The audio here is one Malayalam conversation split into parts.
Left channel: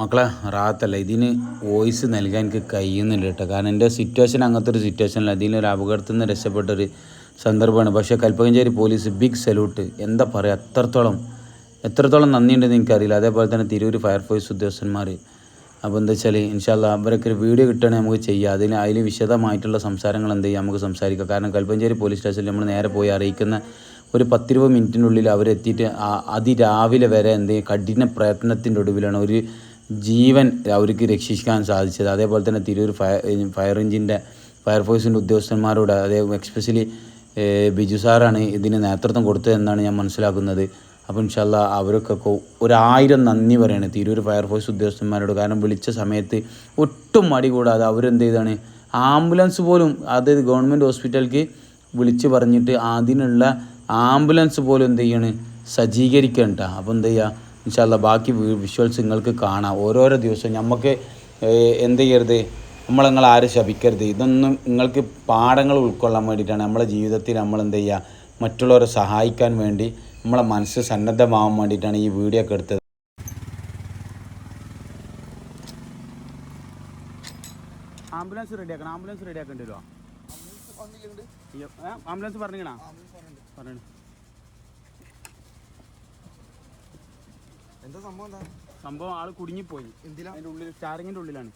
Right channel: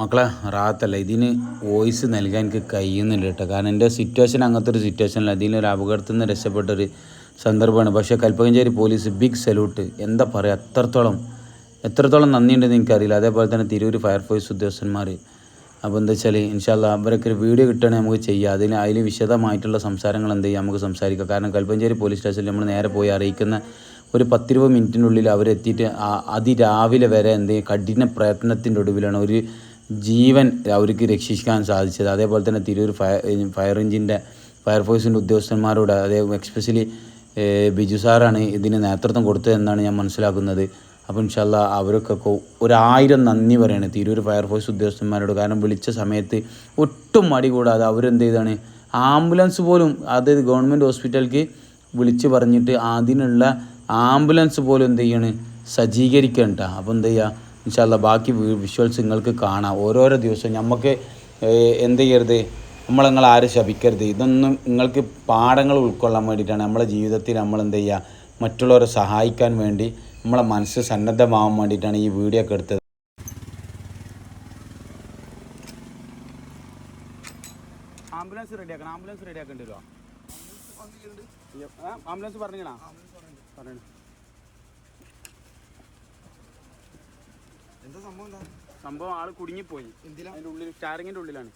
മക്കളെ റാത്തല്ല ഇതിന് വോയിസ് നൽകാൻ എനിക്ക് കഴിയുന്നില്ല കേട്ടോ. കാരണം എൻ്റെ സിറ്റുവേഷൻ അങ്ങനത്തെ ഒരു സിറ്റുവേഷനല്ല. ഇതിലൊരു അപകടത്തിൽ നിന്ന് രക്ഷപ്പെട്ടൊരു സന്ദർഭമാണ്. പക്ഷേ കൽപ്പകഞ്ചേരി പോലീസ് ബിഗ് സല്യൂട്ട്. എന്താ പറയുക, എത്രത്തോളം നന്ദിയുണ്ടെന്ന് എനിക്കറിയില്ല. അതേപോലെ തന്നെ തിരൂർ ഫയർഫോഴ്സ് ഉദ്യോഗസ്ഥന്മാർ. അപ്പോൾ എന്താ വെച്ചാൽ ഇൻഷാ അല്ലാ അവരൊക്കെ ഒരു വീഡിയോ കിട്ടുകയാണെങ്കിൽ നമുക്ക് ചെയ്യാം. അതിൽ വിശദമായിട്ടുള്ള സംസാരങ്ങൾ എന്ത് ചെയ്യാം, നമുക്ക് സംസാരിക്കാം. കാരണം കൽപ്പകഞ്ചേരി പോലീസ് സ്റ്റേഷനിൽ നമ്മൾ നേരെ പോയി അറിയിക്കുന്ന ഒരു 10-20 മിനിറ്റിനുള്ളിൽ അവരെത്തിയിട്ട് അതിരാവിലെ വരെ എന്ത് ചെയ്യും, കഠിന പ്രയത്നത്തിൻ്റെ ഒടുവിലാണ് ഒരു ജീവൻ അവർക്ക് രക്ഷിക്കാൻ സാധിച്ചത്. അതേപോലെ തന്നെ തിരൂർ ഫയർഫോഴ്സിൻ്റെ ഉദ്യോഗസ്ഥന്മാരോട്, അതേ എക്സ്പെഷ്യലി ബിജു സാറാണ് ഇതിന് നേതൃത്വം കൊടുത്തതെന്നാണ് ഞാൻ മനസ്സിലാക്കുന്നത്. അപ്പോൾ ഇൻഷാ അല്ലാ അവരൊക്കെ 1000 നന്ദി പറയാണ് തിരൂർ ഫയർഫോഴ്സ് ഉദ്യോഗസ്ഥന്മാരോട്. കാരണം വിളിച്ച സമയത്ത് ഒട്ടും മടി കൂടാതെ അവരെന്ത് ചെയ്താണ്, ആംബുലൻസ് പോലും, അതായത് ഗവൺമെൻറ് ഹോസ്പിറ്റലിലേക്ക് വിളിച്ച് പറഞ്ഞിട്ട് അതിനുള്ള ആംബുലൻസ് പോലും എന്ത് ചെയ്യാണ്, സജ്ജീകരിക്കണ്ട. അപ്പോൾ എന്ത് ചെയ്യുക, ഇൻഷാ അല്ലാ ബാക്കി വിഷ്വൽസ് നിങ്ങൾക്ക് കാണാം. ഓരോരോ ദിവസവും നമുക്ക് എന്ത് ചെയ്യരുത്, നിങ്ങൾ ആരും ശപിക്കരുത്. ഇതൊന്നും നിങ്ങൾക്ക് പാഠങ്ങൾ ഉൾക്കൊള്ളാൻ വേണ്ടിയിട്ടാണ്. നമ്മളെ ജീവിതത്തിൽ നമ്മൾ എന്ത് ചെയ്യുക, മറ്റുള്ളവരെ സഹായിക്കാൻ വേണ്ടി നമ്മളെ മനസ്സ് സന്നദ്ധമാവാൻ വേണ്ടിയിട്ടാണ് ഈ വീഡിയോ ഒക്കെ എടുത്തത്. ആംബുലൻസ് റെഡിയാക്കണം, ആംബുലൻസ് റെഡിയാക്കേണ്ടല്ലോ. ആംബുലൻസ് പറഞ്ഞിക്കണോ? എന്താ സംഭവം? സംഭവം ആള് കുടുങ്ങിപ്പോയി. അതിൻ്റെ ഉള്ളിൽ സ്റ്റാറിങ്ങിൻ്റെ ഉള്ളിലാണ്.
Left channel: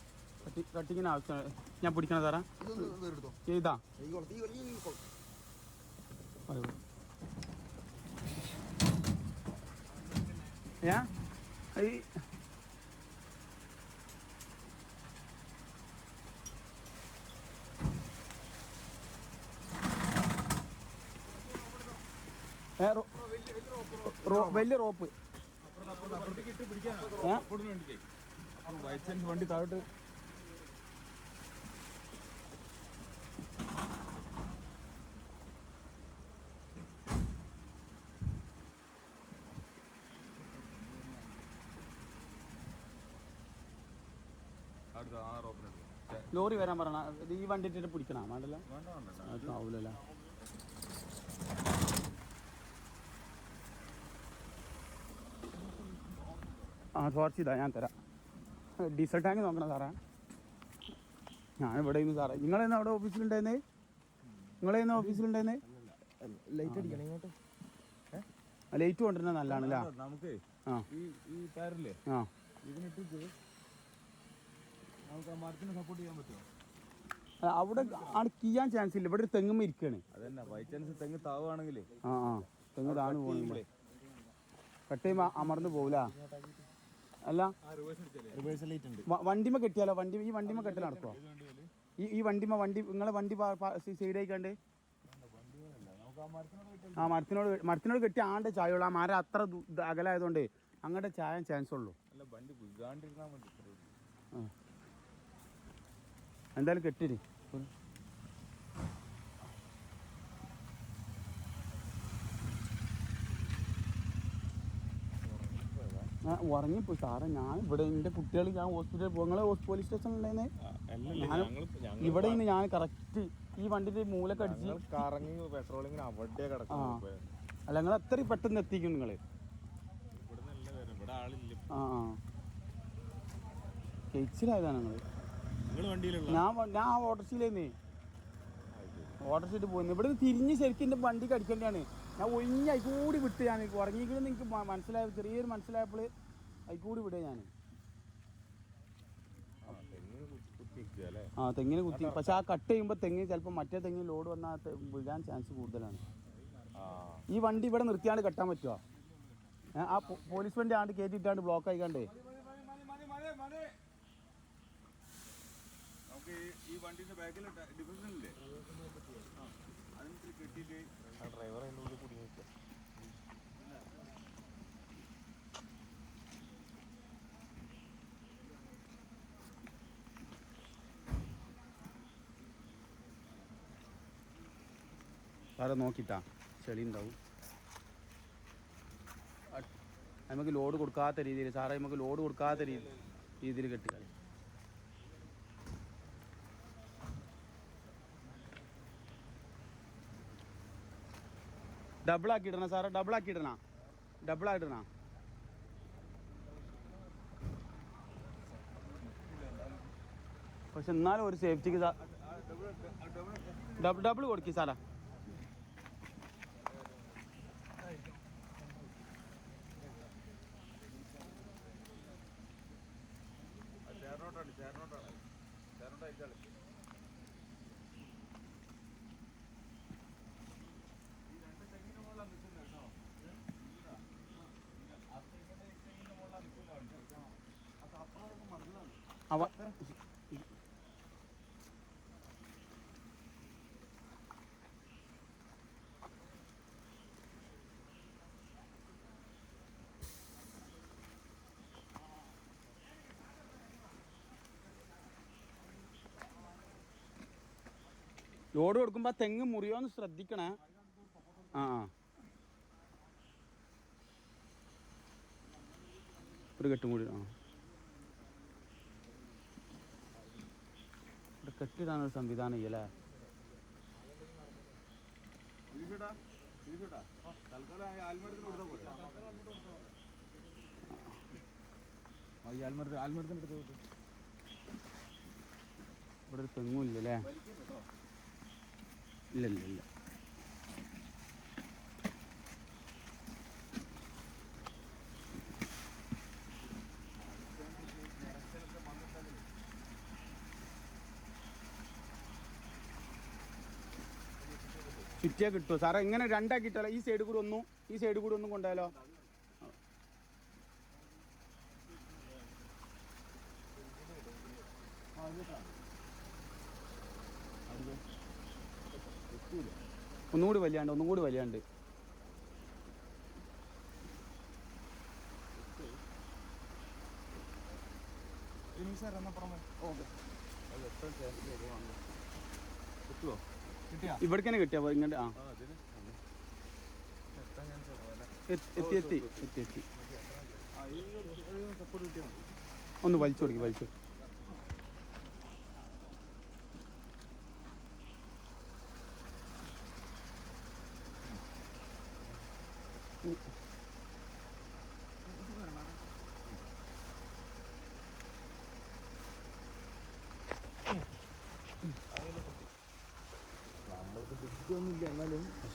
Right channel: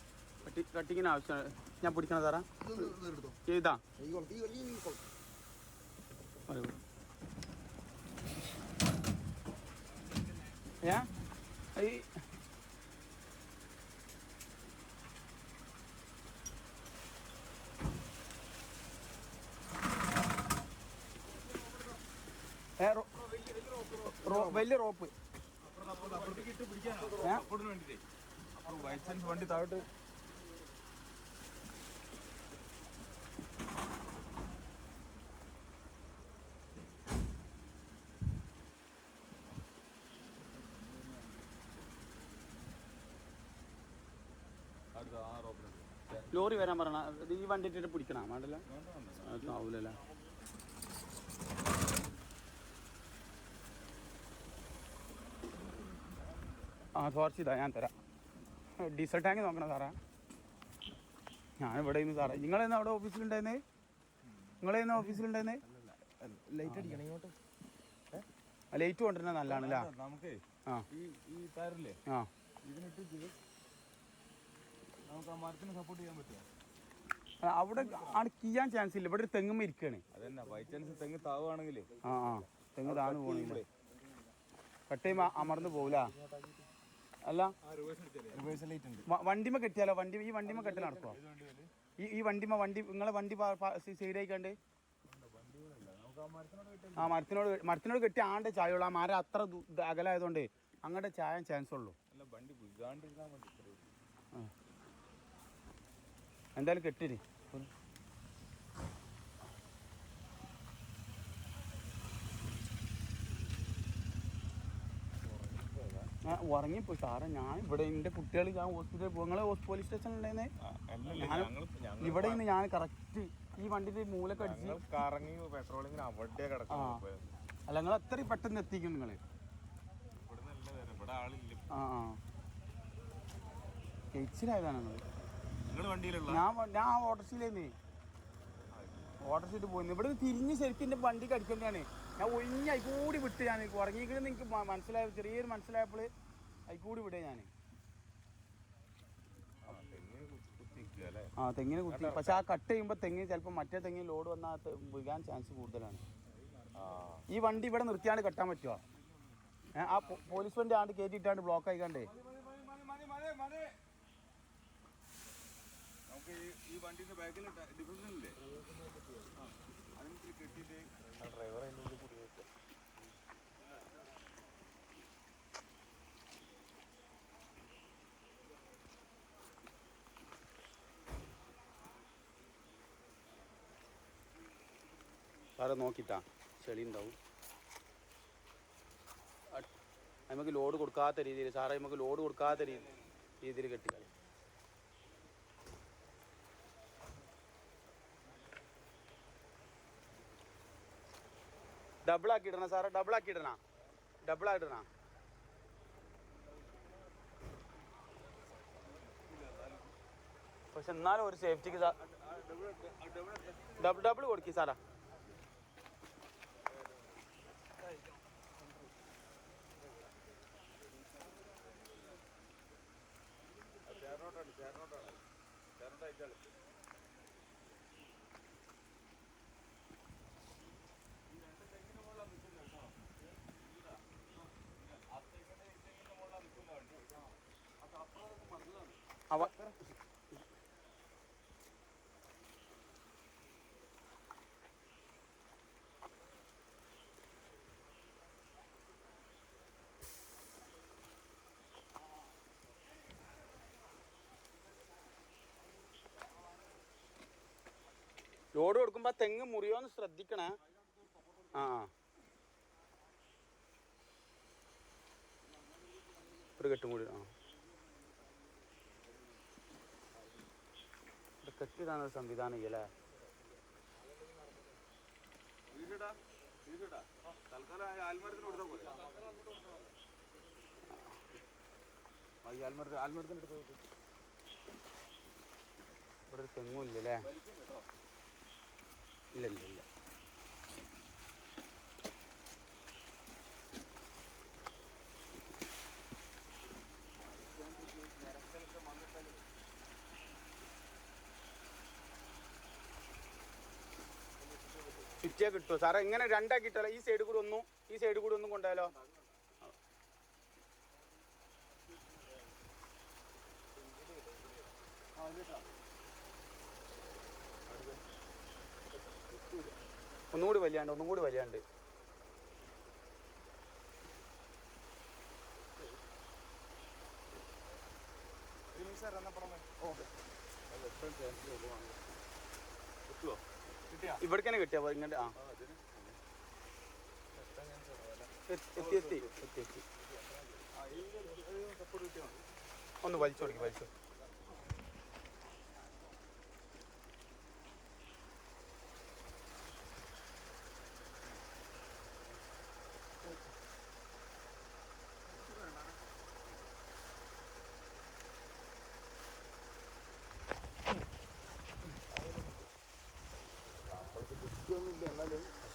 കട്ടിങ്ങിന് ആവശ്യം ഞാൻ പിടിക്കണം സാറേ. ചെയ്താ ഞാൻ വലിയ റോപ്പ് വണ്ടി താഴോട്ട്. ലോറി വരാൻ പറഞ്ഞ ഈ വണ്ടി ഇട്ടിട്ട് പിടിക്കണം. ആവില്ലല്ലേ? കുറച്ച് ഇതാ ഞാൻ തരാം. ഡീസൽ ടാങ്ക് നോക്കണം സാറേ. ഞാനിവിടെ സാറേ, നിങ്ങളെന്നാ അവിടെ ഓഫീസിലുണ്ടായിരുന്നേ? നിങ്ങളെന്നാ ഓഫീസിലുണ്ടായിരുന്നേ? ലൈറ്റ് അടിക്കണം ഇങ്ങോട്ട്. ലൈറ്റ് കൊണ്ടുവരുന്നത് നല്ലതാണല്ലേ? നമുക്ക് സപ്പോർട്ട് ചെയ്യാൻ പറ്റും. അവിടെ ആണ് ചെയ്യാൻ ചാൻസ് ഇല്ല. ഇവിടെ ഒരു തെങ്ങുമ്മ ഇരിക്കുകയാണ്. തെങ്ങ് താവുകയാണെങ്കിലേ തെങ്ങ് താഴ്ന്നു പോകണമെങ്കിൽ കട്ടയും അമർന്ന് പോകില്ല. അല്ല വണ്ടിമ കെട്ടിയാലോ? ഈ വണ്ടിമ കെട്ടൽ നടത്തോ? ഈ നിങ്ങളെ വണ്ടി സൈഡ് ആയിക്കാണ്ട് മരത്തിനോട് കെട്ടി ആണ്ട് ചായയുള്ളൂ. ആ മരം അത്ര അകലായതുകൊണ്ട് അങ്ങോട്ട് ചായാൻ ചാൻസ് ഉള്ളൂ. എന്തായാലും കെട്ടിന്. ഞാൻ ഉറങ്ങിപ്പോയി സാറേ. ഞാൻ ഇവിടെ എൻ്റെ കുട്ടികൾ, ഞാൻ ഹോസ്പിറ്റലിൽ പോകും. നിങ്ങളെ പോലീസ് സ്റ്റേഷൻ ഉണ്ടായിരുന്നേ? ഇവിടെ നിന്ന് ഞാൻ കറക്റ്റ് ഈ വണ്ടിന്റെ മൂലൊക്കെ അടിച്ച് അല്ല, നിങ്ങൾ അത്രയും പെട്ടെന്ന് എത്തിക്കും നിങ്ങള്. കഴിച്ചിലായതാണ് ഞാൻ ഓട്ടോസിലേന്നേ. ഓട്ടോസിട്ട് പോയിരുന്നു. ഇവിടെ തിരിഞ്ഞ് ശരിക്കും എൻ്റെ വണ്ടിക്ക് അടിക്കൊണ്ടാണ്. ഞാൻ ഒഴിഞ്ഞ് കൂടി വിട്ട്. ഞാൻ ഉറങ്ങിക്കണെന്ന് എനിക്ക് മനസ്സിലായത്, ചെറിയൊരു മനസ്സിലായപ്പോൾ കൂടി വിടേ ഞാൻ. തെങ്ങിന് കുത്തി. പക്ഷെ ആ കട്ട് ചെയ്യുമ്പോൾ തെങ്ങ് ചിലപ്പോൾ മറ്റേ തെങ്ങിന് ലോഡ് വന്നാൽ വീഴാൻ ചാൻസ് കൂടുതലാണ്. ഈ വണ്ടി ഇവിടെ നിർത്തിയാണ്ട് കെട്ടാൻ പറ്റുമോ? ആ പോലീസ് വണ്ടി ആണ്ട് കയറ്റിയിട്ടാണ്ട് ബ്ലോക്ക് ആയിക്കാണ്ടേ. ഈ വണ്ടിന്റെ ബാക്കിൽ ഡിഫറൻസില്ലേ? കെട്ടിയിട്ട് അവിടെ നോക്കിട്ടാ ചെളി ഉണ്ടാവും. നമുക്ക് ലോഡ് കൊടുക്കാത്ത രീതിയിൽ സാറേ, നമുക്ക് ലോഡ് കൊടുക്കാത്ത രീതിയിൽ കെട്ടി. ഡബിളാക്കിയിടണ സാറേ, ഡബിളാക്കിയിടണ. പക്ഷെ എന്നാലും ഒരു സേഫ്റ്റിക്ക് ഡബിൾ കൊടുക്കും സാല. ലോഡ് കൊടുക്കുമ്പോ തെങ്ങ് മുറിയോന്ന് ശ്രദ്ധിക്കണേ. ആ ഒരു കെട്ടും കൂടി. കെട്ടിടാനൊരു സംവിധാനം ഇല്ലല്ലേ? ഇവിടെ ഒരു തെങ്ങും ഇല്ലല്ലേ? ഇല്ല. ചുറ്റിയാ കിട്ടുമോ സാറേ? ഇങ്ങനെ രണ്ടാക്കിയിട്ടാലോ? ഈ സൈഡ് കൂടെ ഒന്നും കൊണ്ടായാലോ? ഒന്നുകൂടി വലിയാണ്ട്. ഇവിടേക്കാണ് കിട്ടിയ ഇങ്ങനെ. എത്തി. ഒന്ന് വലിച്ചു കൊടുക്കും.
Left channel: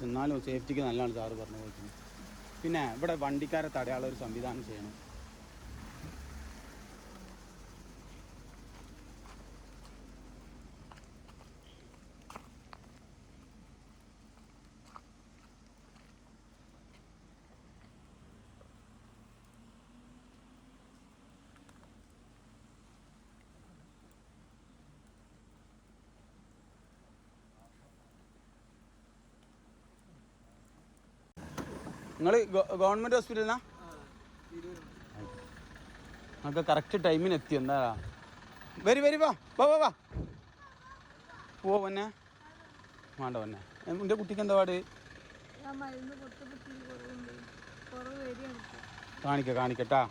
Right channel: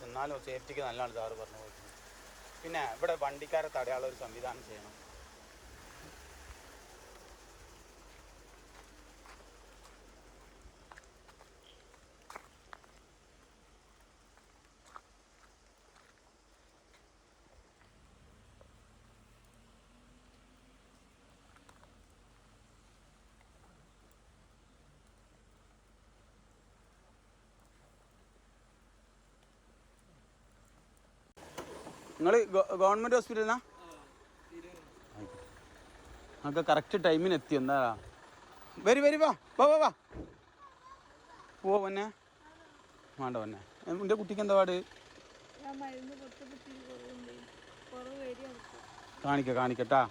എന്നാലും സേഫ്റ്റിക്ക് നല്ലതാണ് സാറ് പറഞ്ഞ പോലെ തന്നെ. പിന്നെ ഇവിടെ വണ്ടിക്കാരെ തടയാനുള്ള ഒരു സംവിധാനം ചെയ്യണം. നിങ്ങൾ ഗവൺമെന്റ് ഹോസ്പിറ്റലിനാ? നമുക്ക് കറക്റ്റ് ടൈമിന് എത്തി. എന്നാ വരി വാ പൊന്നെ. വേണ്ട എൻ്റെ കുട്ടിക്ക് എന്താ പാട്? കാണിക്കട്ടാ.